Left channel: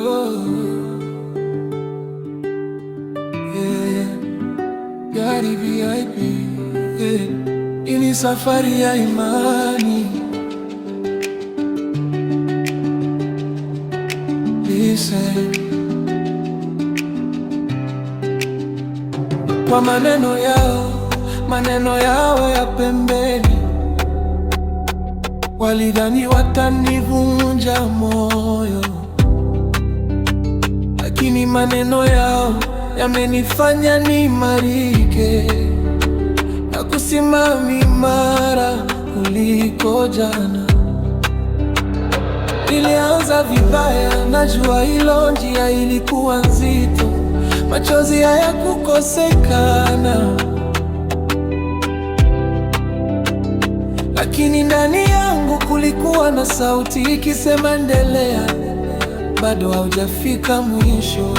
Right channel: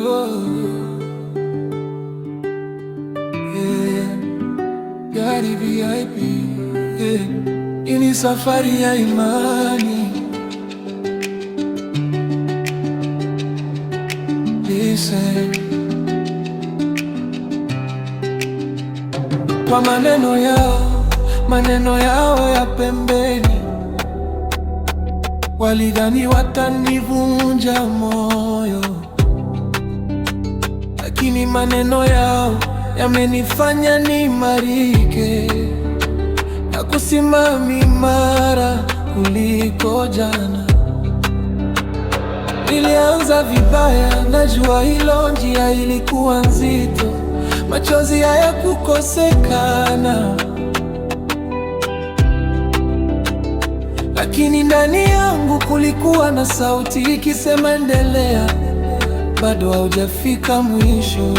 Oh, yeah. Gari VIP, yeah. Ini safari ya imani. Listen. Kwa maneno yao ya pembeni, walidhani watanivunja moyo, lakini maneno yao yamenifanya niimarike na kusimama imara kuliko jana. Nilianza vibaya, najua hilo, njia ilikuwa nzito, machozi hayakukosekana, lakini ndani yangu kulikuwa na sauti ikisema, endelea, bado haujafika mwisho.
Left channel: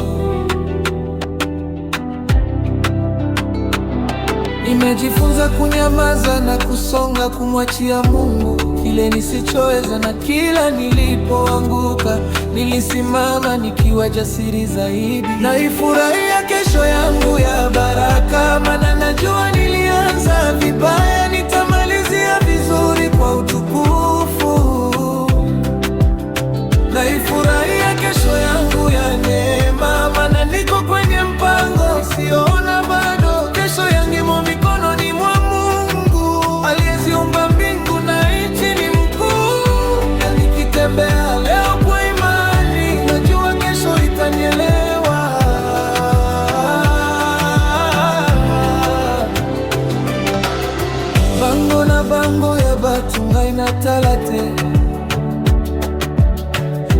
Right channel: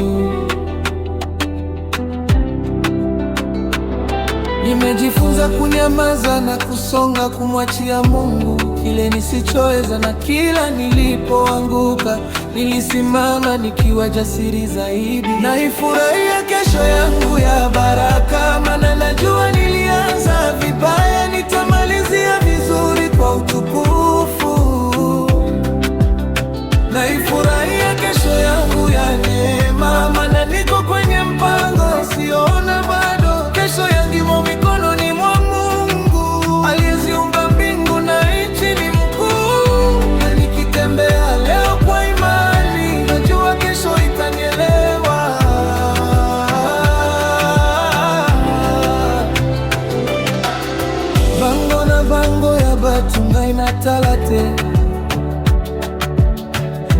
Nimejifunza kunyamaza na kusonga, kumwachia Mungu kile nisichoweza, na kila nilipoanguka nilisimama nikiwa jasiri zaidi. Naifurahia kesho yangu ya baraka, maana najua nilianza vibaya, nitamalizia vizuri kwa utukufu. Naifurahia kesho yangu ya neema, maana niko kwenye mpango siona bado. Kesho yangu imo mikononi mwa Mungu aliyeziumba mbingu na nchi, ni mkuu. Na nikitembea leo kwa imani, najua kesho itanielewa. Bango ya batunga inatalate,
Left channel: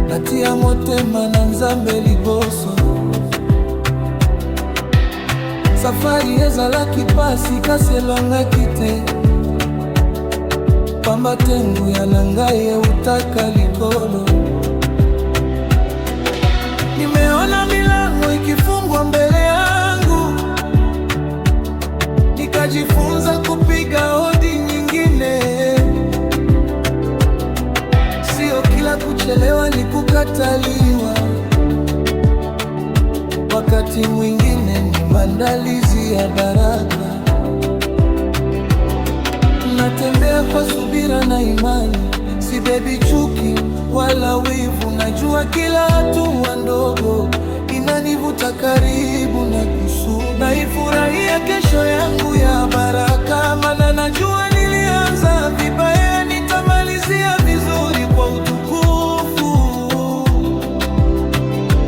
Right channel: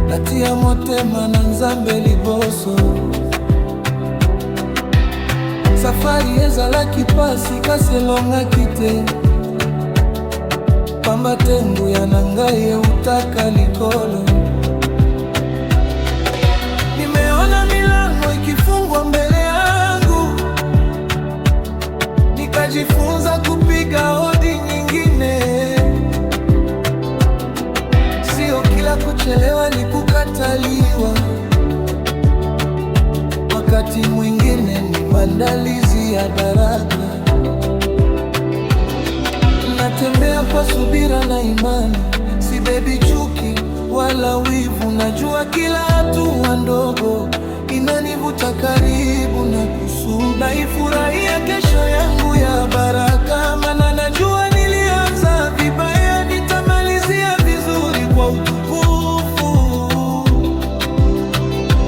natia motema na Nzambe liboso. Safari ezala kipasi kaselonga kite, pamba tengu ya nangaye utaka likolo. Nimeona milango ikifungwa mbele yangu, nikajifunza kupiga hodi nyingine. Sio kila kuchelewa ni kukataliwa, wakati mwingine ni maandalizi ya baraka. Natembea kwa subira na imani, sibebi chuki wala wivu. Najua kila hatua ndogo inanivuta karibu na kusudi. Naifurahia kesho yangu ya baraka, maana najua nilianza vibaya, nitamalizia vizuri kwa utukufu.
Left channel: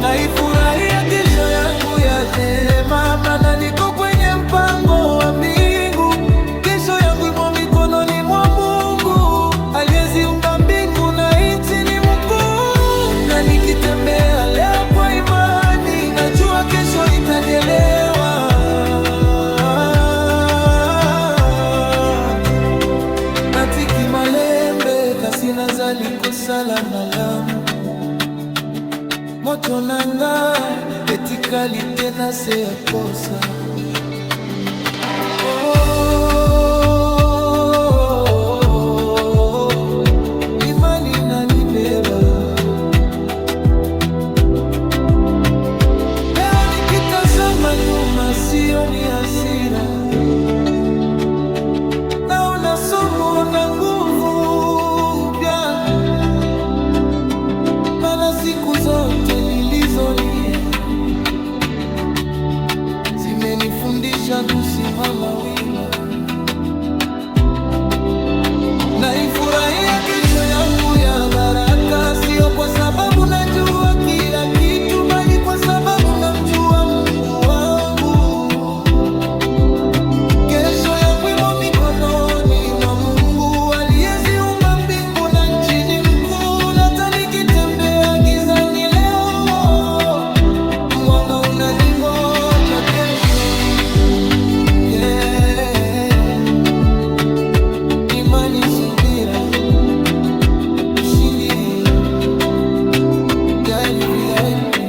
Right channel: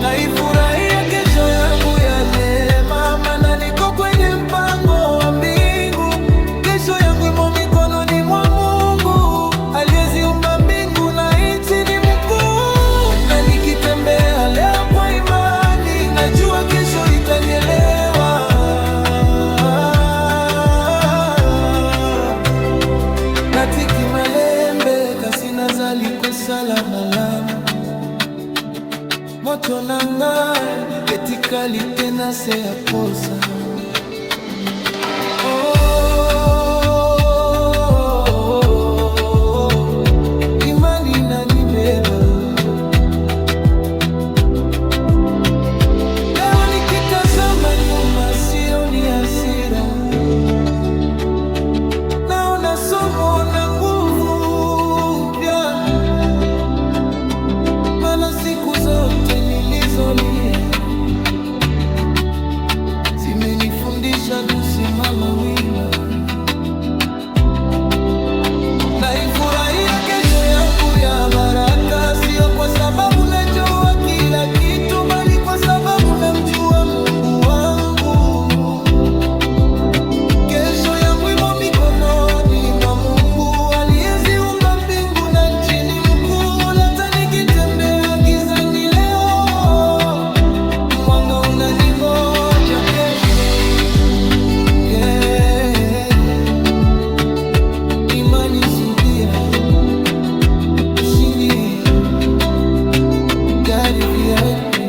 Naifurahia kesho yangu ya neema, maana niko kwenye mpango wa mbingu. Kesho yangu imo mikononi mwa Mungu aliyeziumba mbingu na nchi, ni mkuu. Na nikitembea leo kwa imani, najua kesho itanielewa. Natiki malembe kasina zaliko salama lamu, moto nanga etikali tena se ya posa. Imani inanibeba leo, nikitazama nyuma sioni hasira, naona somo na nguvu mpya. Maana siku zote nilizolia zimenifundisha kusimama wima. Naifurahia kesho yangu ya baraka, sio kwa sababu najua kila kitu, bali kwa sababu namjua Mungu wangu. Kesho yangu imo mikononi mwa Mungu aliyeziumba mbingu na nchi, ni mkuu. Hata nikitembea gizani leo, mwanga unaningoja kesho. Yeah. Imani, subira, ushindi, gari VIP.